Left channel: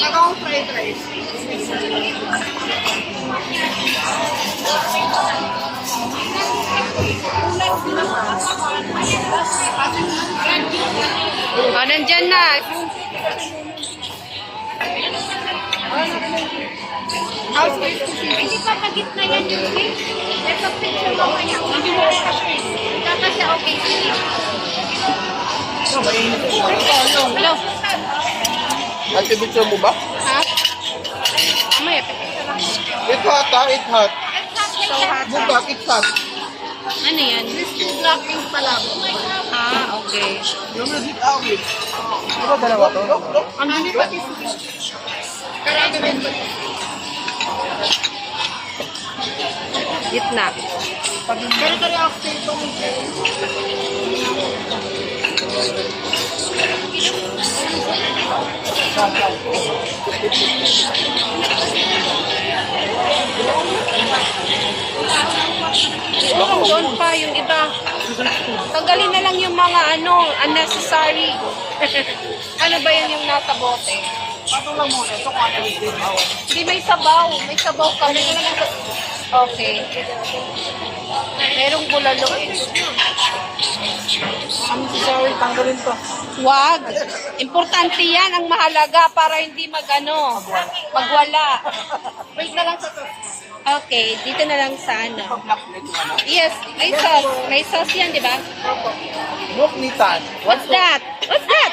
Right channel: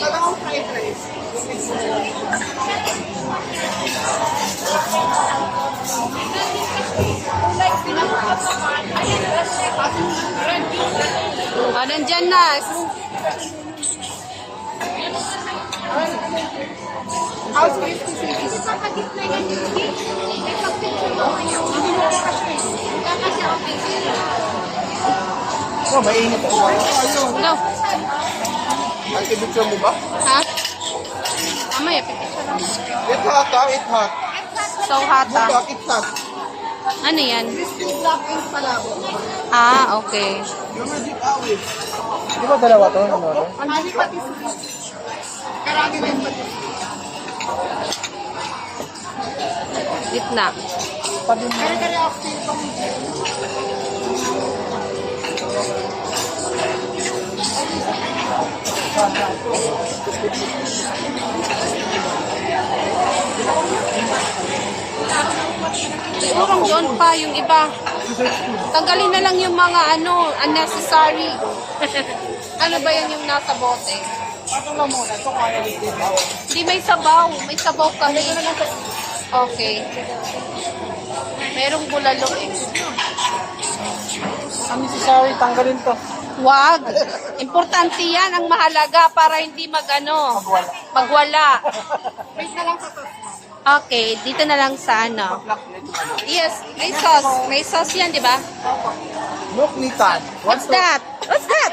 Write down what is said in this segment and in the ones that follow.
Parang fried rice. O, nandyan na. House rice to see. Hindi pa kagitna yan. Let's picture mo kanya. Hindi mo kasi. Kasi okay. Hello? Ang pipicture mo ba? Ha? Mamaya, pipicture lang. It's hot, ha? It's hot. So, hata. It's hot. Ano yan? Black ink palabo. Ah, okay. Yung legit awit. Di ba dalawa to? Ano pa? Kailangan din dito. Gitna. Kari-kari ako sa itong Hanggang doon pa yung iba. Tanggalin na lang yung mga unnecessary. Ano ba yan yung nasa bote? Patong lang muna. Ito kaya yung Hindi, may sabaw. May sabaw kami. Okay. Merong bulalo eh. Kami si Sorry, tanggalin to. Wag. Importante yan. Ang mahalaga para hindi magwala. wait na lang sa to. Okay. Dito na lang sa Yes. May sauce. May sauce yan, di ba? Look, Nitan. What's that? What's that?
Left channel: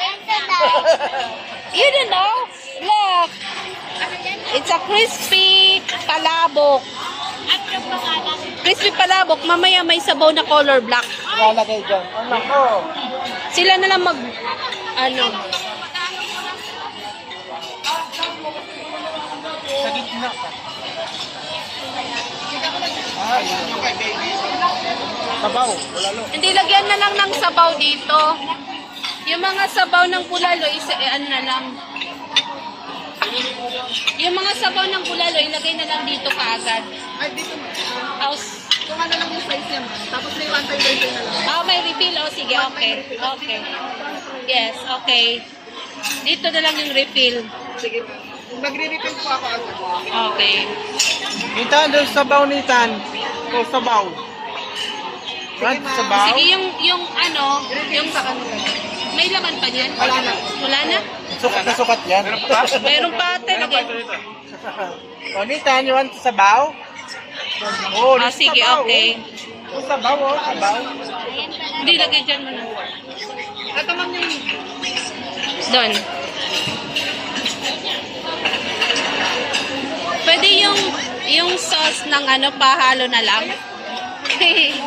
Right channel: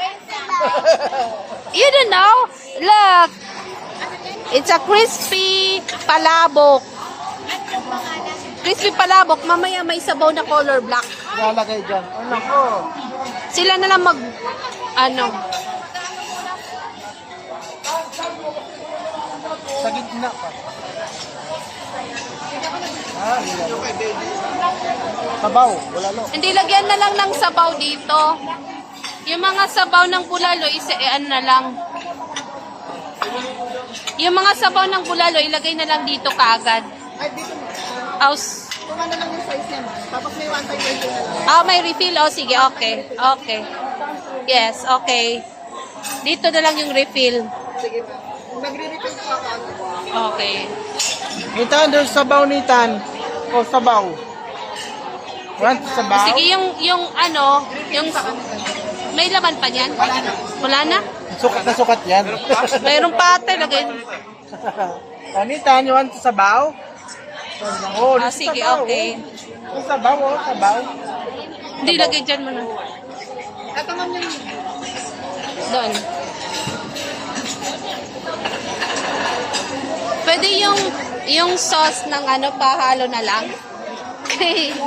You don't know? Look. It's a crispy palabok. Crispy palabok. Mamaya may sabaw na color black. Lalagay dyan. Ano ko? Sila na lang Sa gitna pa. Sabaw. Bulalo. Hindi, lagyan na lang ng sabaw dito. Yung mga sabaw ng bulalo, na lang. Yung mga sabaw ng bulalo, ilagay na lang dito kaagad. Ay, dito mo. House. Kung ano lang yung size niya, ma. Tapos may one time refill na lang. Oh, may refill. Oh, sige, okay. Okay. Yes, okay. Dito na lang yung refill. Sige pa. Magre-refill po ako. Okay. Nitan, doon sabaw, Nitan. O, sabaw. What? Sabaw? Sige, yung may laman pa niyan? Wala na? Sukat na sukat yan. Mayroon pa ate, lagay. O, Nitan, you want sabaw? Oh, Ah, sige, okay. O, sabaw, o, sabaw. Hindi, lagay dyan mo na. Ito ma'am yung Doon. Pwede yung sauce ng pahalo na lang.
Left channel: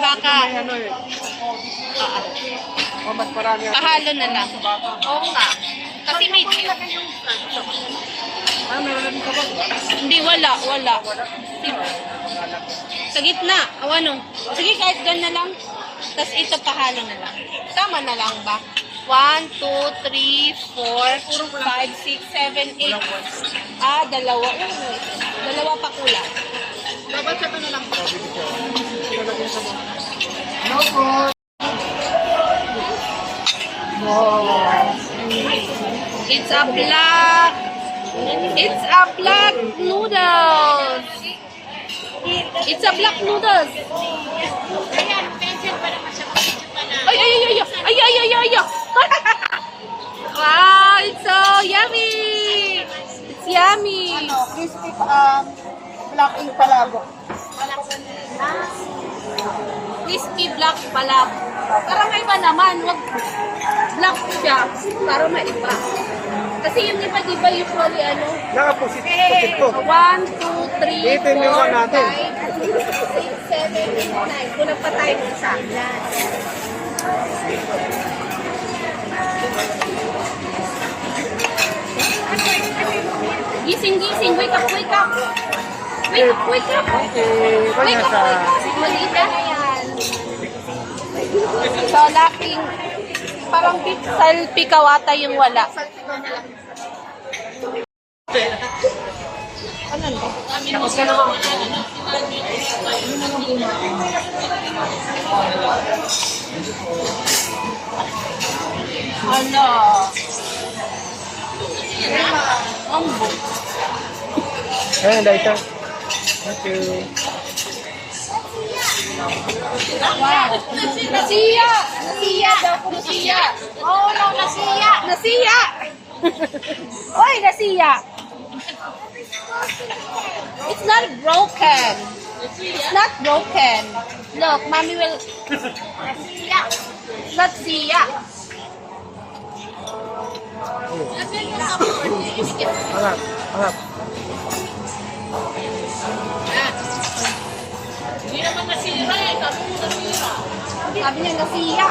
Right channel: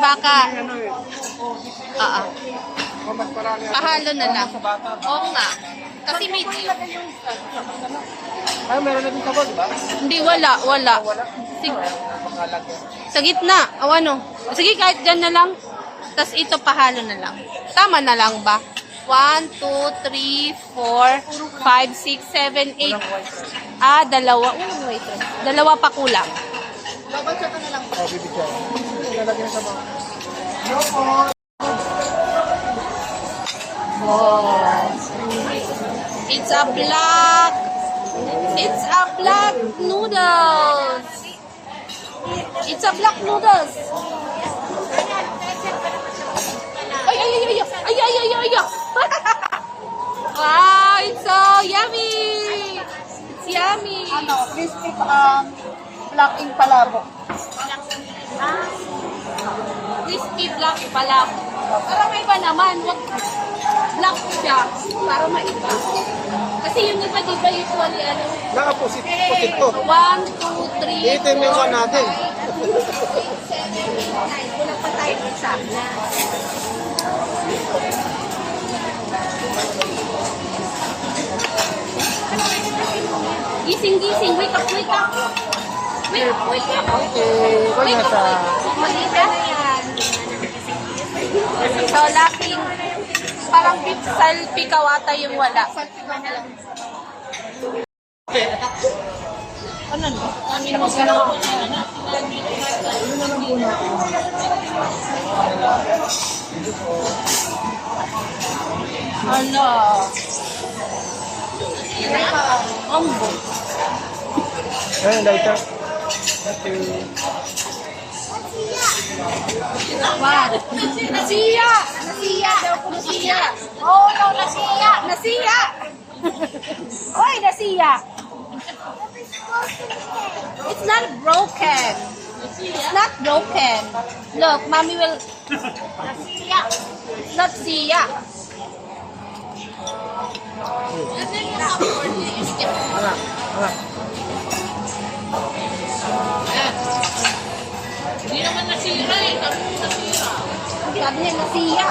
Baka Mas marami. pahalo na lang. Oo nga. Kasi may Ay, meron natin sabaw, diba? hindi wala. Sige. Sa gitna. Sige, kahit dyan na lang. Tapos ito pahalo na lang. Tama na lang ba? 1, 2, 3, 4, 5, 6, 7, 8. Ah, dalawa. Wait. Dalawa pa kulang. double check ko na lang. Sabi ko siya. Lalagyan yung sabaw. No po. It's a black noodles. It's a black noodles. Ay. Wow, it's so yummy. It's yummy. Crispy black ink palabo. Crispy black pala. Para may iba naman, wag black siya. Para may iba. Kasi yung iba, di ba usually Nakapusit to. 1, 2, 3, Itin yung one natin. 6, 7, 8, 9. Kulang pa tayo sa Gising. Wake up. Wake up. Okay. Kanya sa... Maliit na yan. So, laking parang beef salpicawata yung wala. Ano ba? Tapos ka na Ano? Ombo. Ayun, daw ito. Okay. Wow. Nasiya! Nasiya! Nasiya! Oh, no, nasiya! Nasiya! Oy, nasiya! It's not broken. It's not broken. Look, mommy will... Nasiya! It's not siya. And then what happened for you? You skip. Anak, anak. Hindi naman nasira eh. Nasira. Sabi niya nasiya.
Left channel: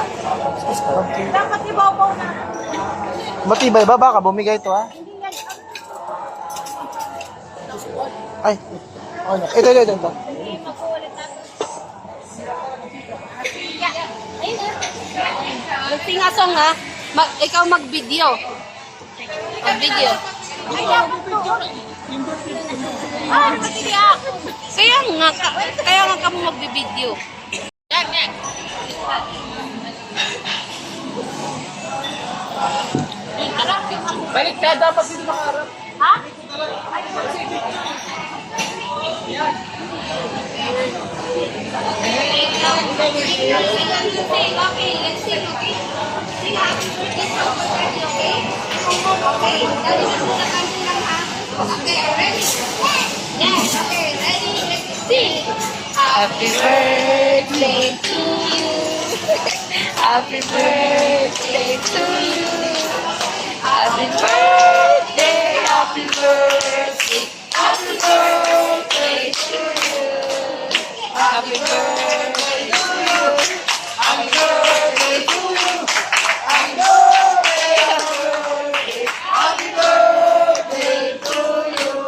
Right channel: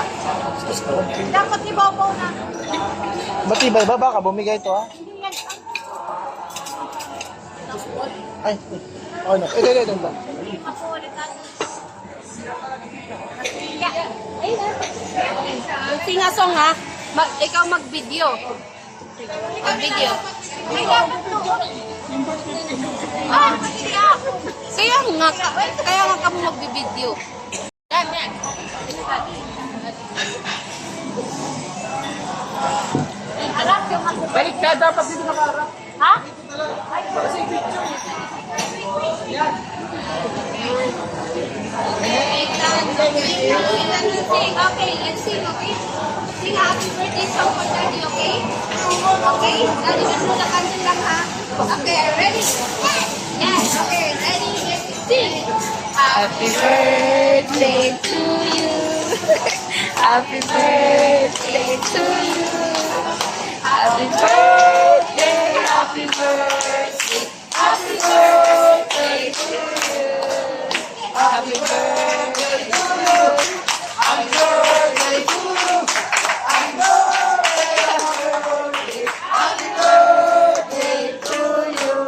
Okay. Dapat ibabaw na. Matibay ba? Baka bumigay ito, ha? Hindi yan. Ay, oh, no. Ito. Hindi mapulit natin. Nasiya. Ayun na. Sing a song ha. Ikaw mag-video. Mag-video. Ay, dapat doon. Ah, nasiya ako. Kaya nga ka mo mag-video. Harap yung ako. Balik ka, dapat dito nakaharap. Ha? Okay, let's sing, okay? Sing happy birthday song for Daddy, okay? Okay, Daddy, let's do the country lang, ha? Okay, ready? Yes, okay, ready? Let's sing. Happy birthday to you. Happy birthday to you. Happy birthday, happy birthday, happy birthday to you. Happy birthday to you. Happy birthday to you. Happy birthday, happy birthday to you.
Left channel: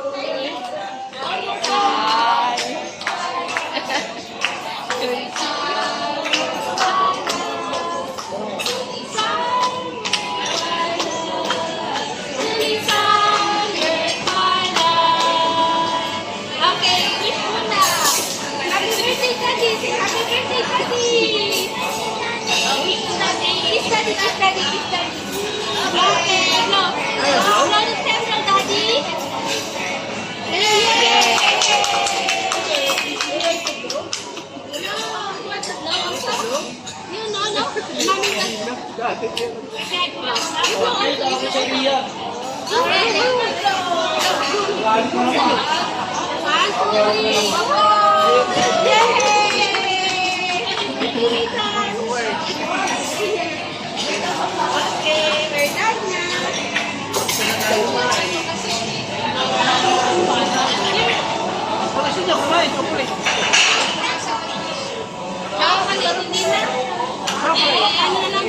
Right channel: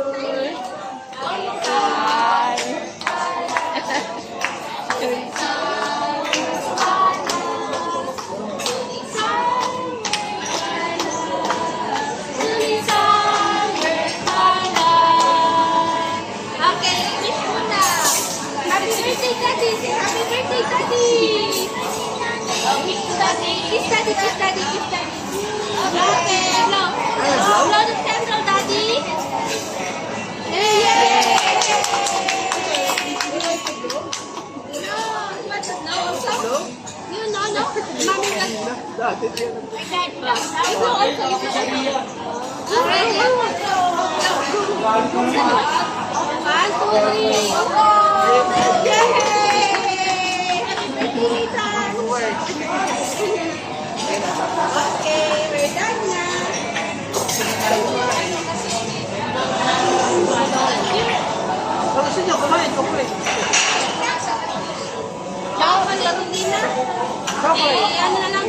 Okay, wish muna. Happy birthday, Daddy. Say happy birthday, Daddy. Wish to Daddy. Kiss Daddy, kiss Daddy, kiss Daddy. Okay, no. Blow the candle, Daddy. Yay! No, you want to blow also? You know, no? Mommy, you blow also. Okay, let's go. One, two, three. Oh, yay! Happy birthday, Ethan. Okay, we're done now. Tsaka kalaro din na. Eh, ano na lang.